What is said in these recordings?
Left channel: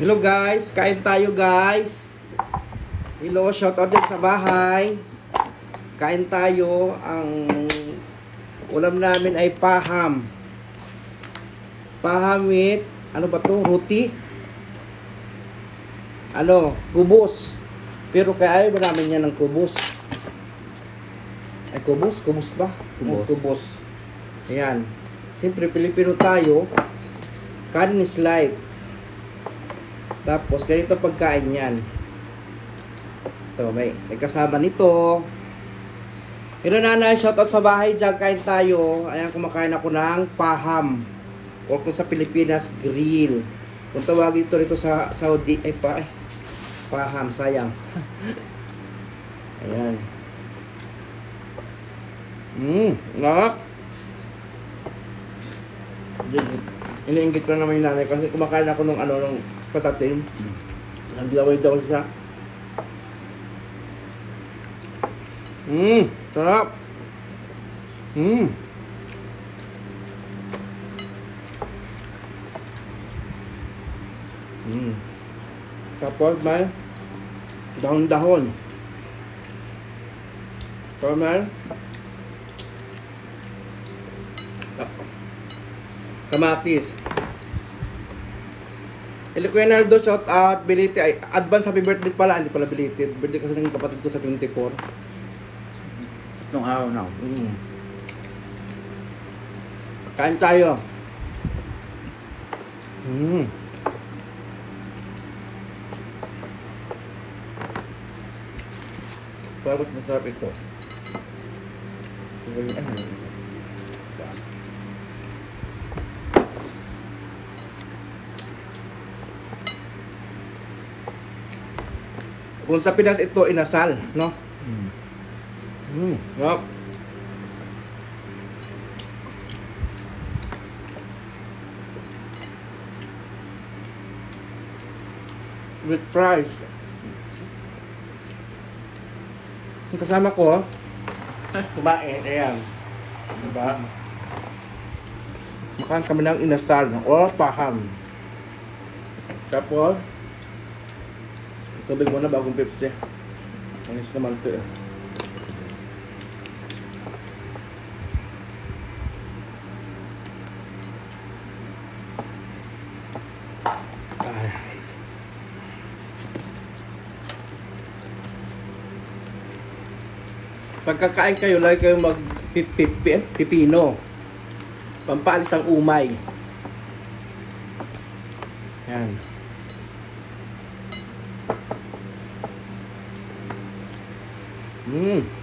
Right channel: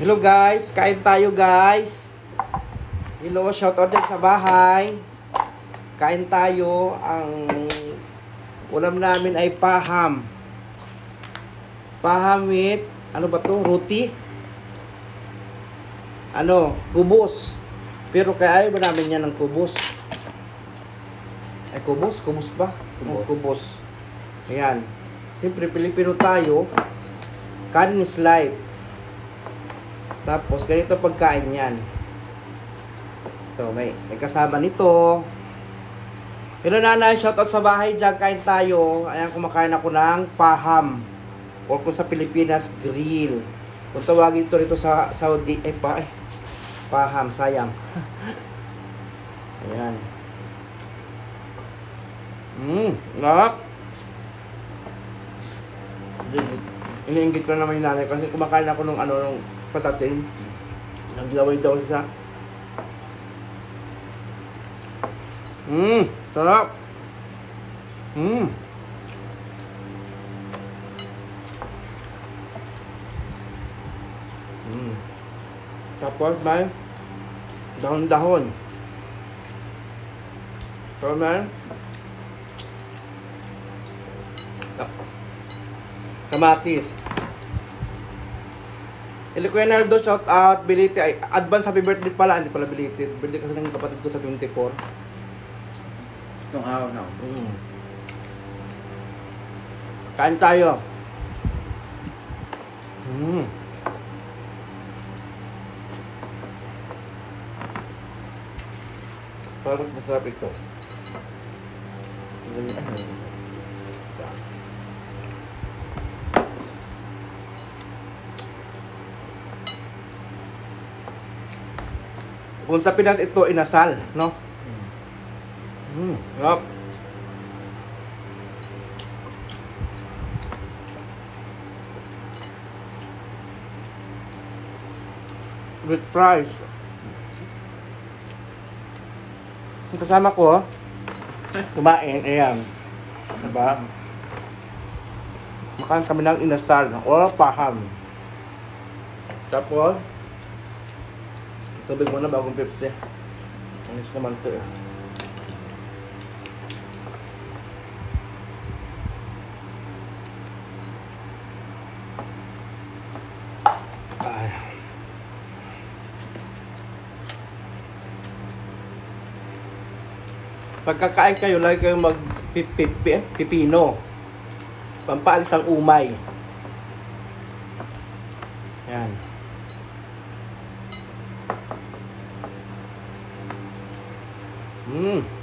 Hello guys, kain tayo guys. Hello, shout out din sa bahay. Kain tayo. Ang ulam namin ay paham. Paham with, ano ba to? Roti? Ano? Kubos. Pero kaya ayaw ba namin yan ng kubos? Ay, kubos? Kubos ba? Kubos. Kubos. Ayan. Siyempre, Pilipino tayo. Kanin is life. Tapos, ganito pagkain yan. Ito, may kasama nito. Hello nanay, shoutout sa bahay dyan, kain tayo. Ayan, kumakain ako ng paham. O kung sa Pilipinas, grill. Kung tawagin ito rito sa Saudi, paham, sayang. Ayan. Nak. Iniinggit ko naman yung nanay kasi kumakain ako ng patatim. Naglaway daw siya. Sarap. Tapos may dahon-dahon. Tapos may kamatis. Kuya Naldo, shout out, belated, advance happy birthday pala, hindi pala belated. Birthday kasi ng kapatid ko sa 24. Itong araw na. Kain tayo. Parang masarap ito. Kung sa Pinas ito, inasal, no? Sarap. With fries. Yung kasama ko, kumain, ayan. Diba? Makain kami ng inasal, o paham. Tapos, tubig muna bagong Pepsi. Anis naman ito eh. Pagkakain kayo, lagi kayong mag-pipino. Pampaalis ang umay. Yan.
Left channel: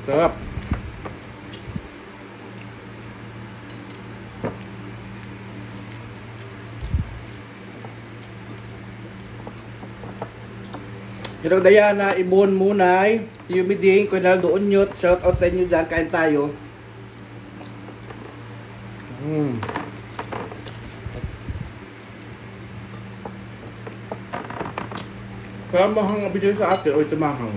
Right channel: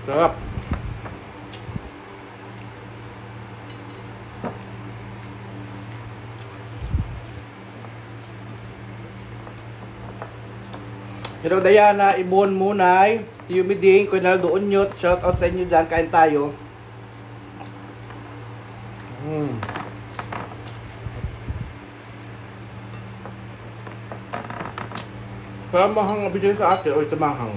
Sarap. Hello Diana, Ibon Munay, Yumiding, Kuinaldo Unyot, shout out sa inyo dyan, kain tayo. Parang mahang abigyan sa ate, o ito mahang.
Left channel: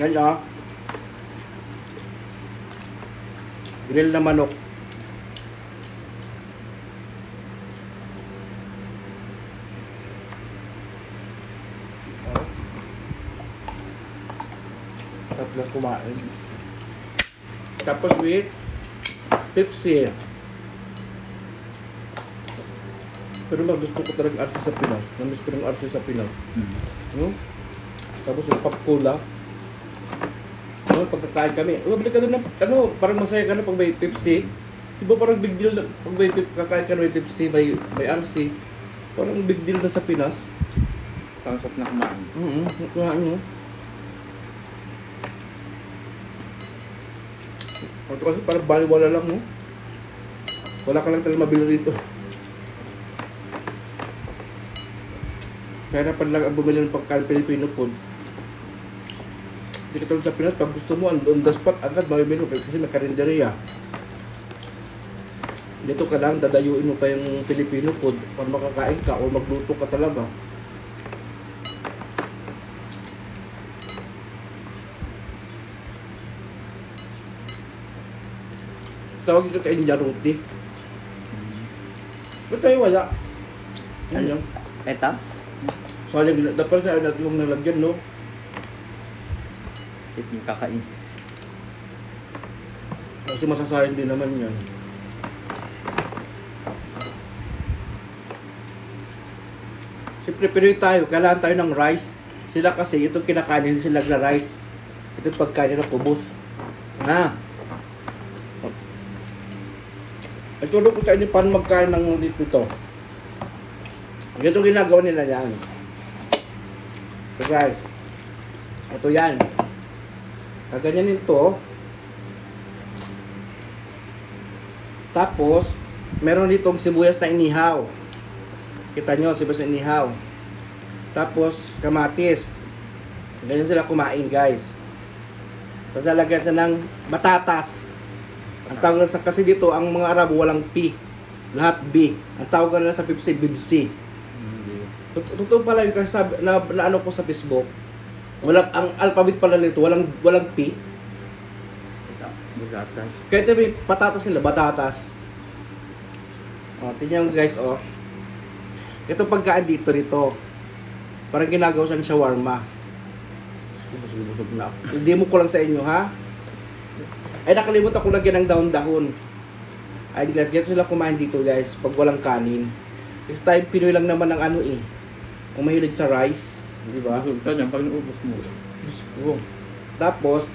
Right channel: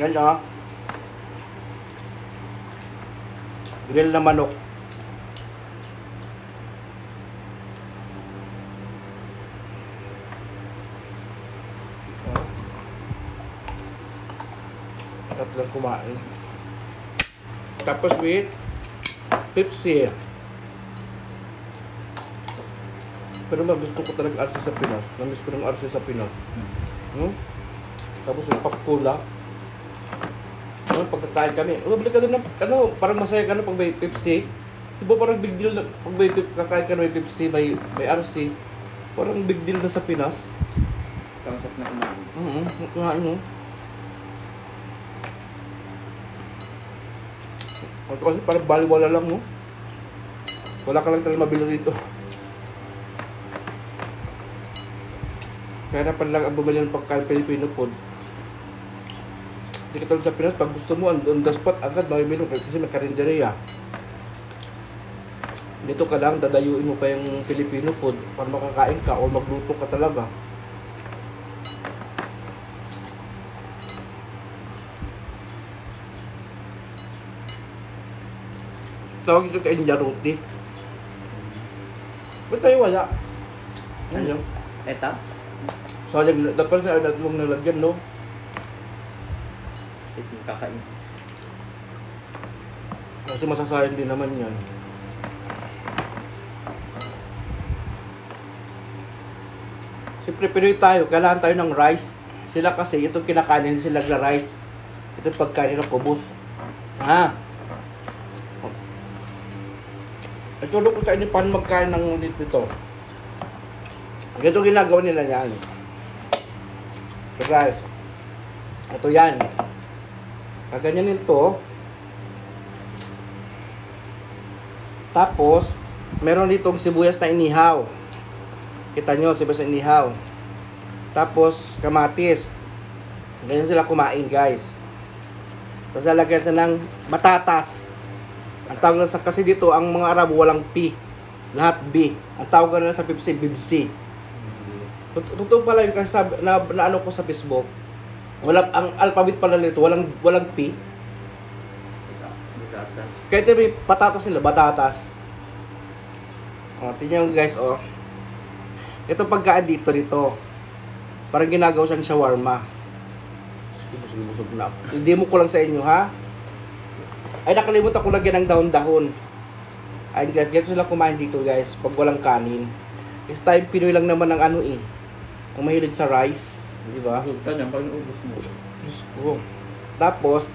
Yan ah. Grill na manok. Sarap lang kumain. Tapos with Pepsi. Pero gusto ko talaga arsi sa Pinas. Namiss ko ng arsi sa Pinas. Tapos yung popcorn lang. Pagkakain kami, balik ka doon ng, parang masaya ka na pag may Pepsi. Diba parang big deal na, pag may kakain ka na may Pepsi, may RC. Parang big deal na sa Pinas. Pasok na kumain. Kumain mo. Ito kasi parang baliwala lang, no? Wala ka lang talagang mabili rito. Kaya napan lang ang bumili ng pagkain Pilipino food. Hindi ka sa Pinas, pag gusto mo, on the spot, agad mamimili kasi may karinderya. Dito ka lang, dadayuin mo pa yung Filipino food para makakain ka o magluto ka talaga. Tawag ito sa India roti. Ba't tayo wala? Ano? Eta? Sayang, dapat na natlong nalagyan, no? Sipin kakain. Kasi masasayang din naman yan. Siyempre, Pinoy tayo, kailangan tayo ng rice. Sila kasi, itong kinakain, hindi sila na rice. Ito yung pagkain ng kubos. Ha? At tulog ko sa inyo paano magkain ng dito. Ito ginagawa nila yan. So guys, ito yan. Kaganyan ito. Tapos, meron ditong sibuyas na inihaw. Kita nyo, sibuyas na inihaw. Tapos, kamatis. Ganyan sila kumain, guys. Tapos, lalagyan na ng batatas. Ang tawag na kasi dito, ang mga Arabo walang P. Lahat B. Ang tawag na sa Pepsi, Bibsi. Totoo pala yung kasi na ano ko sa Facebook. Ang alphabet pala nito, walang P. Kaya ito may patatas nila, batatas. O, tingnan nyo guys, o. Ito pagkaan dito nito. Parang ginagawa siyang shawarma. Busog na. Hindi mo ko lang sa inyo, ha? Ay, nakalimutan ko lagyan ng dahon-dahon. Ay, guys, ganito sila kumain dito, guys. Pag walang kanin. Kasi tayo, Pinoy lang naman ng ano, eh. Ang mahilig sa rice. Di ba? Kanya, pag naubos mo. Diyos ko. Tapos,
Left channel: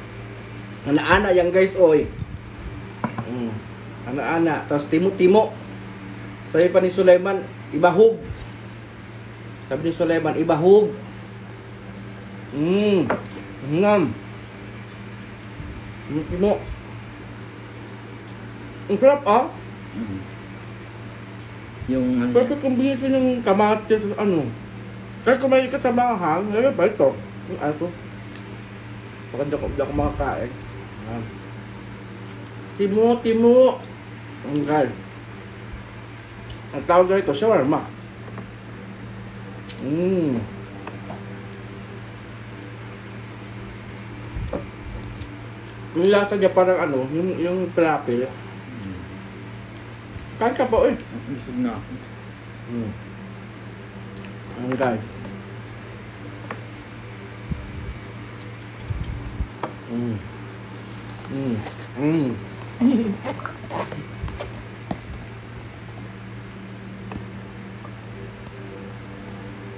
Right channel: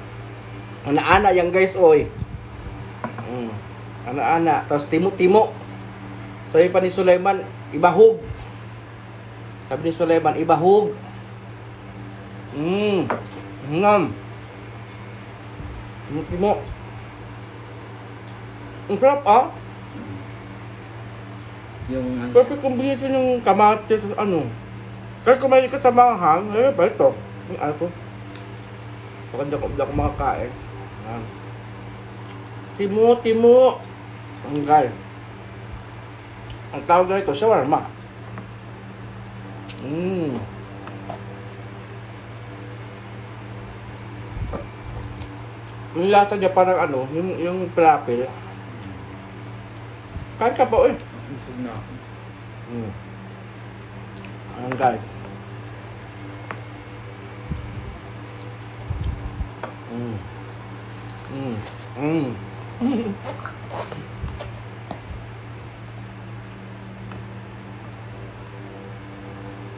ana-ana yan, guys, oy. Ana-ana. Tapos, timo-timo. Sabi pa ni Sulaiman, ibahog. Sabi ni Sulaiman, ibahog. Ngam. Timo. Ang sarap, ah. Yung Perfect combination ng kamatis at ano. Kaya kumain ka sa manghang, ano ba ito? Yung ako. Baka hindi ako makakain. Timo. Ang gal. Ang tawag na ito, shawarma. Yung lasa niya parang ano, yung falafel. Kain ka po eh. busog na ako. Ang gal.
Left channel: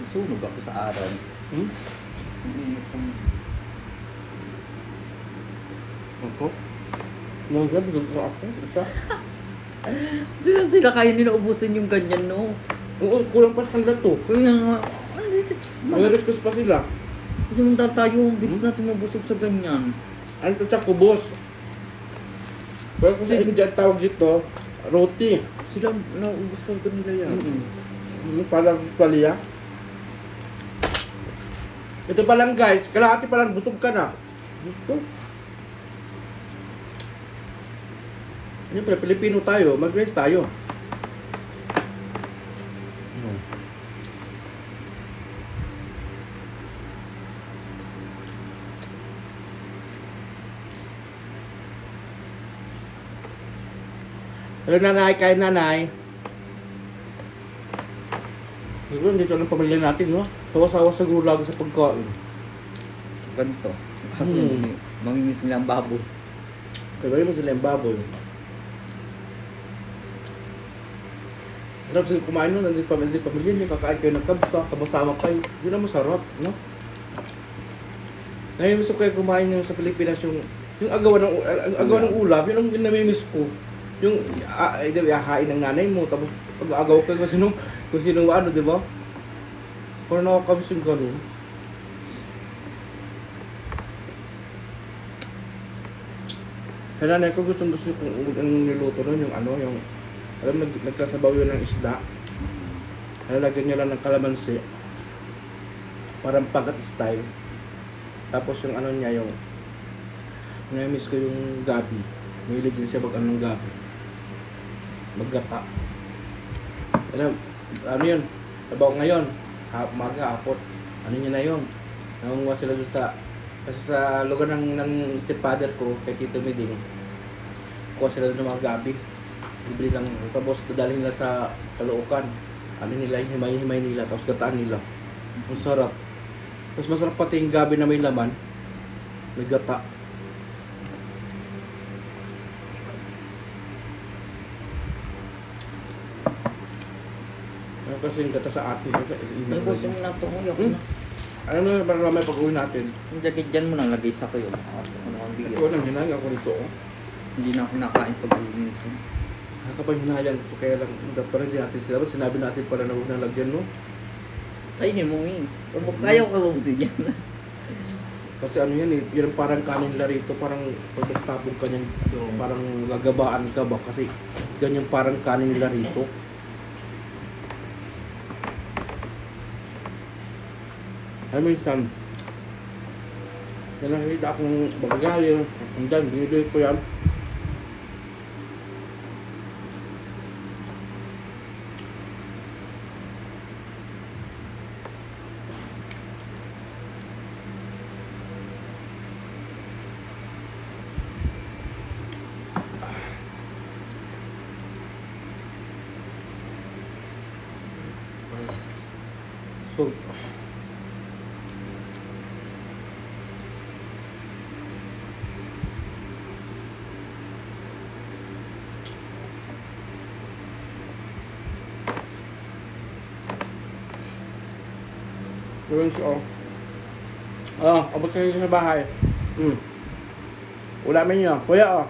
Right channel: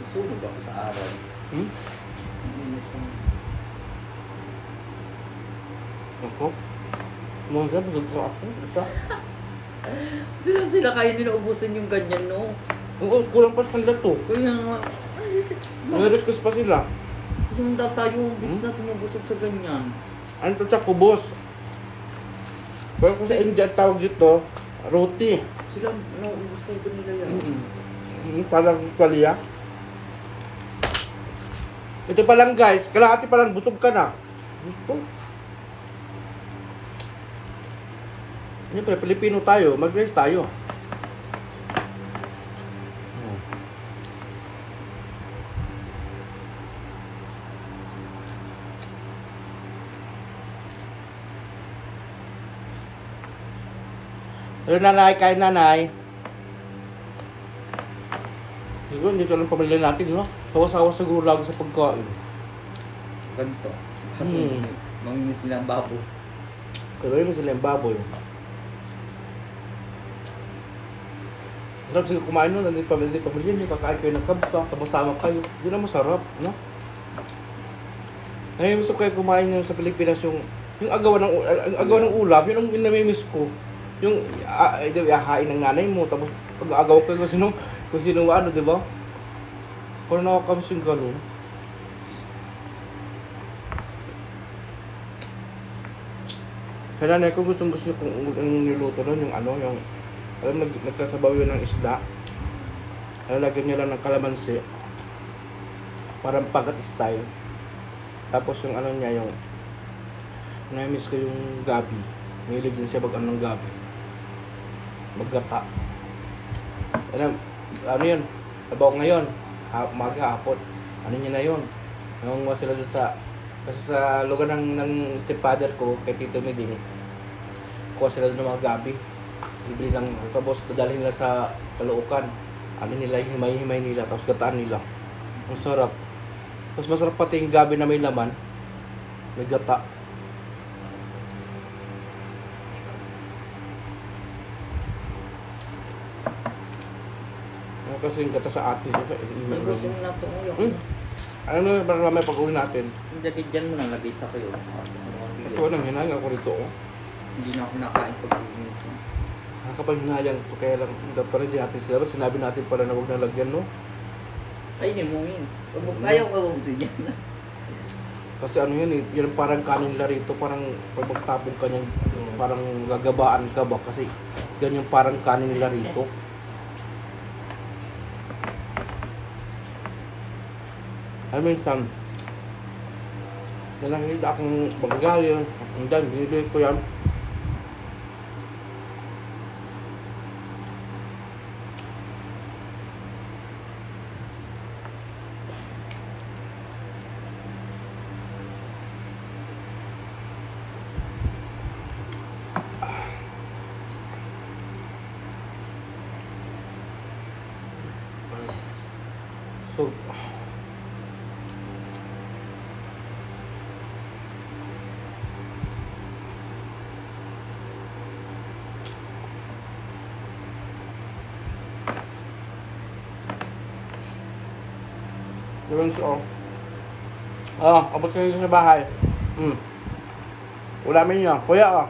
Sunog ako sa araw. Ako? Nung sabi, busog ko ako. Isa. Sila kayo nila ubusin yung ganyan, no? Oo, kulang pa sa kanila to. Kaya nga, May-request pa sila. sumunda tayo, bilis na tumubusog sa ganyan. Ano to sa kubos? Pero kung sa India tawag dito, roti. Sila, naubos na ito nila yan. Parang palya. Ito pa lang guys, kalahati pa lang busog ka na. Ito. Siyempre, Pilipino tayo, mag-race tayo. Pero nanay, kain nanay. Siguro, dito lang pamilya natin, no? Sawa-sawa siguro lagi sa pagkain. Ganito. Kasi, nanginis nila ang babo. Kaya mo sila yung baboy. Sarap sige kumain nun, hindi pamilya niyo, kakain kayo ng kabsa, sama-sama kayo. Yun ang masarap, no? Namimiss ko kayo kumain yung sa Pilipinas, yung agawan ng ulam, yun ang namimiss ko. Yung hain ng nanay mo, tapos pag-agaw kayo kung sinong ano, di ba? Kung nakakamiss yung gano'n. Sa nanay ko gusto kong niluto nun, yung ano, yung alam, nagkasabaw yun ng isda. Lalagyan nyo lang ng kalamansi. Parang pagat style. Tapos yung ano niya, yung na-miss ko yung gabi. Mahilig din siya mag-ano ng gabi. Maggata. Ano yun? Tabaw ngayon. Maga, hapot. Ano nyo na yun? Nangunguha sila doon sa... Kasi sa lugar ng stepfather ko, kay Tito Meding, kuha sila doon ng mga gabi. Libre lang. Tapos dadalhin nila sa Caloocan. ano nila, himay-himay nila, tapos gataan nila. Ang sarap. Tapos masarap pati yung gabi na may laman. May gata. Ano kasi yung gata sa atin? May gusto mo na tumuyak. Ano na parang lamay pag-uwi natin? Yung jacket dyan mo nang lagay sa kayo. Ito lang, hinahang ako rito. Oh. Hindi na ako nakain pag-uwi minsan. Kapag hinahang ko, kaya lang, parang hindi natin sila. Sinabi natin pala na huwag na lagyan, no? Ay, hindi mo, Ming. Ayaw ka gusto dyan. Kasi ano yan eh, yan parang kanin la rito, parang pag magtapon ka niyan, parang gagabaan ka ba? Kasi yan yung parang kanin la rito. Alam mo yung Sam, yan nakikita akong bagal yun, hanggang binibilis ko yan. So, yun siya. Abot na yun sa bahay. Ulamin niya. Kuya.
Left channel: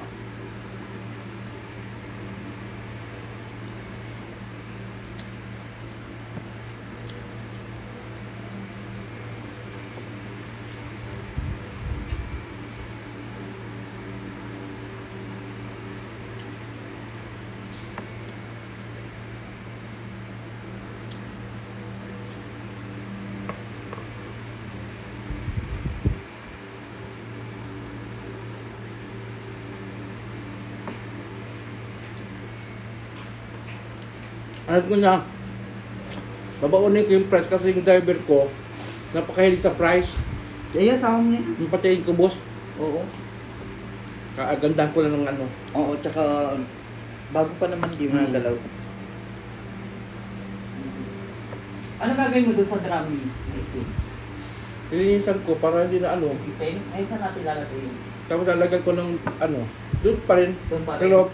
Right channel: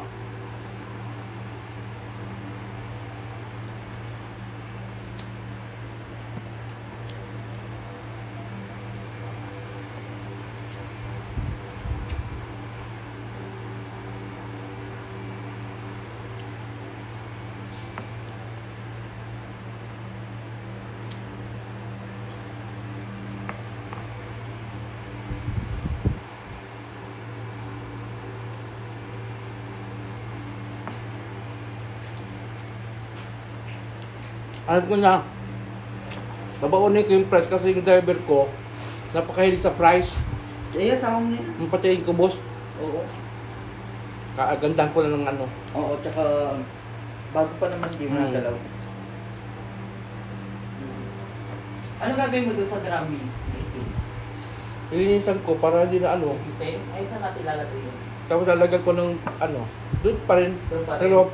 Alam ko na, babaunin ko yung price kasi yung driver ko, napakahilig sa price. Kaya sama mo na yan. Yung pati yung kubos, Oo. kagandahan ko na ng ano. Oo, tsaka bago pa naman hindi mo nagalaw. Ano gagawin mo doon sa drummy? Ilinisan ko para hindi na ano. Ay, saan natin lalagay? Tapos lalagyan ko ng ano, doon pa rin. Doon pa rin. Pero,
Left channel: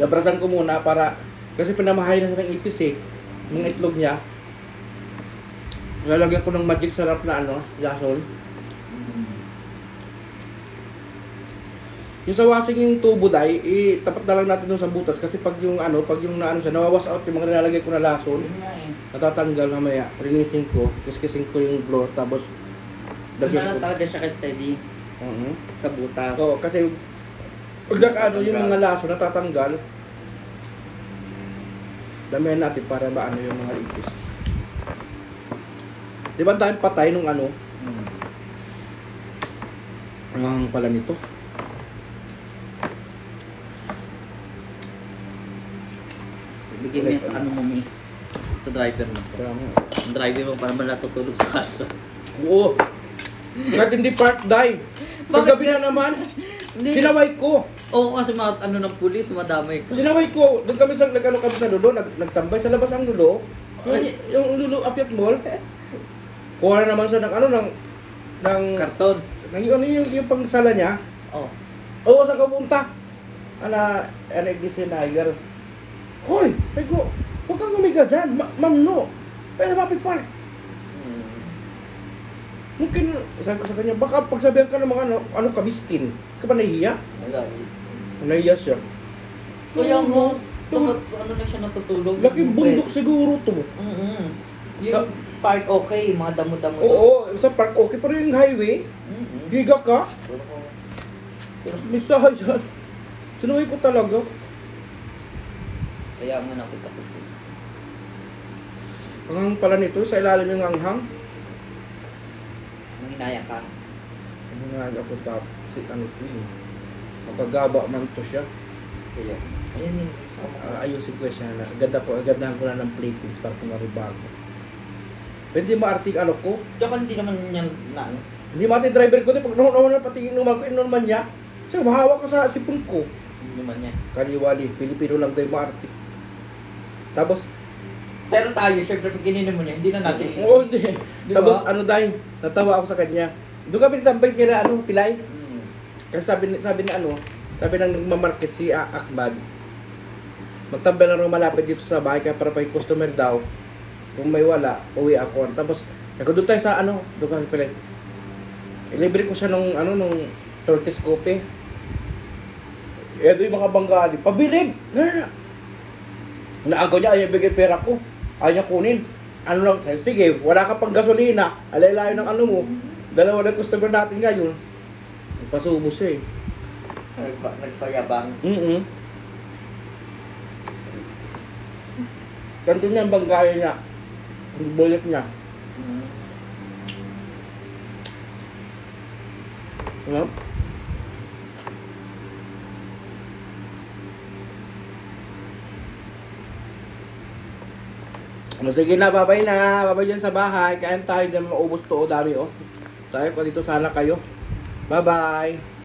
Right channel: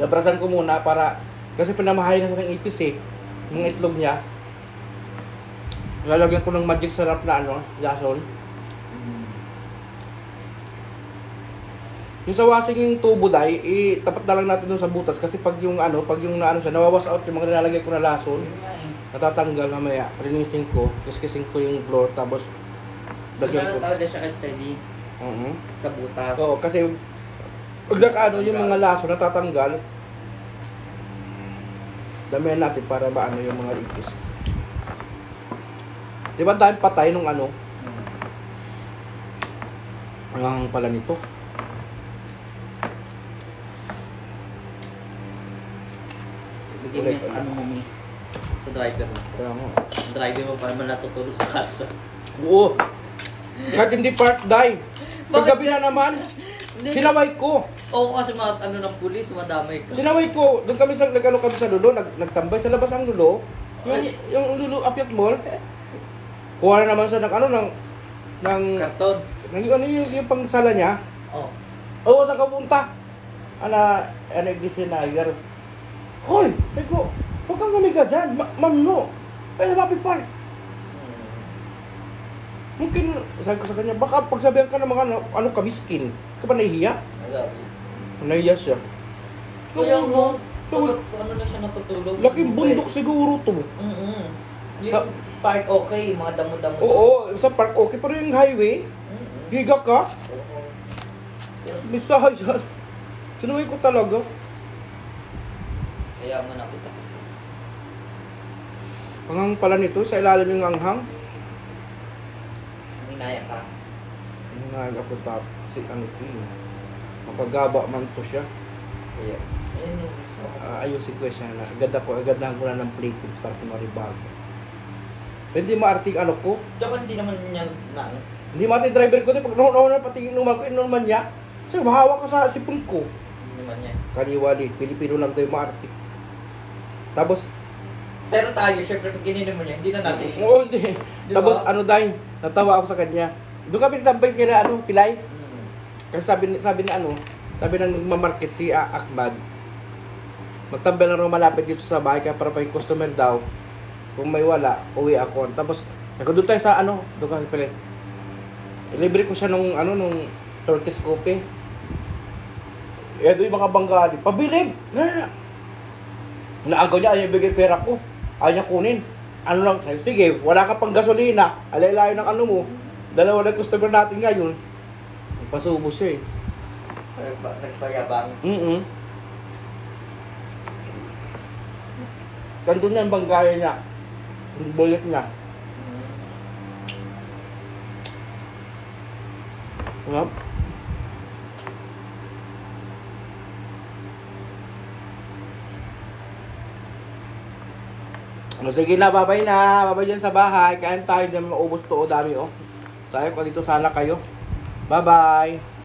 nabrasan ko muna para, kasi pinamahay na ng ipis eh, mga itlog niya. Lalagyan ko ng magic sarap na ano, lason. Yung sa washing yung tubo dahil, tapat na lang natin dun sa butas kasi pag yung ano, naano siya, nawawas out yung mga nilalagay ko na lason, natatanggal mamaya. Linisin ko, kiskisin ko yung floor, tapos dagyan ko. Talaga siya steady sa butas. Oo, kasi pag ano yung mga lason natatanggal, damihan natin para maano yung mga ipis. Di ba dahil patay nung ano? Ang pala nito. Bigyan mo yan sa ano mo, Mi. Sa driver mo. Kaya mo. Ang driver mo para man natutulog sa kasa. Oo. Kahit hindi part die. Paggabi na naman, sinaway ko. Oo, kasi mga ano ng pulis, madamay ko. Sinaway ko. Doon kami sa nagano kami sa lulo, nagtambay sa labas ang lulo. Yung lulo apiat mall. Kuha na naman sa ng Karton. ano yung pangsala niya. Oo. Oo, saan ka punta? Ana Iglesianager. Hoy, sabi ko, huwag kang umiga dyan, mamno. Kaya mapit par. Mungkin, sabi ko sa kanya, baka pagsabihan ka ng mga ano ka, miskin. Ka ba nahihiya? Nahihiya siya. Kaya mo, tulog sa ano na siya natutulog. Laking bundok siguro to. Yung park okay, mga damo-damo. Oo, sa park okay, pero yung highway, higa ka. Misahan yan. Sinuwi ko talaga. Kaya mo nakita ko. Anghang pala nito, sa ilalim yung anghang. Hinaya ka. Hinahal ako tapos, si ano ko yun. Makagaba man to siya. Kaya. Ayun. Ayusin ko sana. Agandahan ko na ng plates para kumaribago. Hindi maarting ano ko. Tsaka hindi naman niya na ano. Hindi maarting driver ko din. Pag noon na pati inuman ko, inuman niya. So, mahawa ka sa sipon ko. Hindi naman niya. Kaniwali, Pilipino lang tayo maarting. Tapos, Pero tayo, syempre pag kininin mo niya, hindi na natin. Oo, hindi. Di Tapos ba? ano dahil, natawa ako sa kanya. Doon kami tambay sa kanya, ano, pilay. Kasi sabi ni ano, sabi ng nagmamarket si Akbad, magtambay lang malapit dito sa bahay kaya para pag customer daw, kung may wala, uwi ako. Tapos, nagdoon tayo sa ano, doon kami pilay. Ilibre ko siya nung ano, nung Turkish coffee. Eh, doon yung mga Bengali, pabilig! Naagaw niya, ayaw bigay pera ko. Ayaw niya kunin. Ano lang, sayo, sige, wala ka pang gasolina. Alay-layo ng ano mo. Dalawa na customer natin ngayon. Nagpasubos siya eh. Nagpayabang. Ganito niya ang banggaya niya. Ang bulit niya. Sarap. Sige na, babay na. Babay dyan sa bahay. Kain tayo dyan, maubos to. O, dami oh. Kaya ko dito sana kayo. Bye-bye.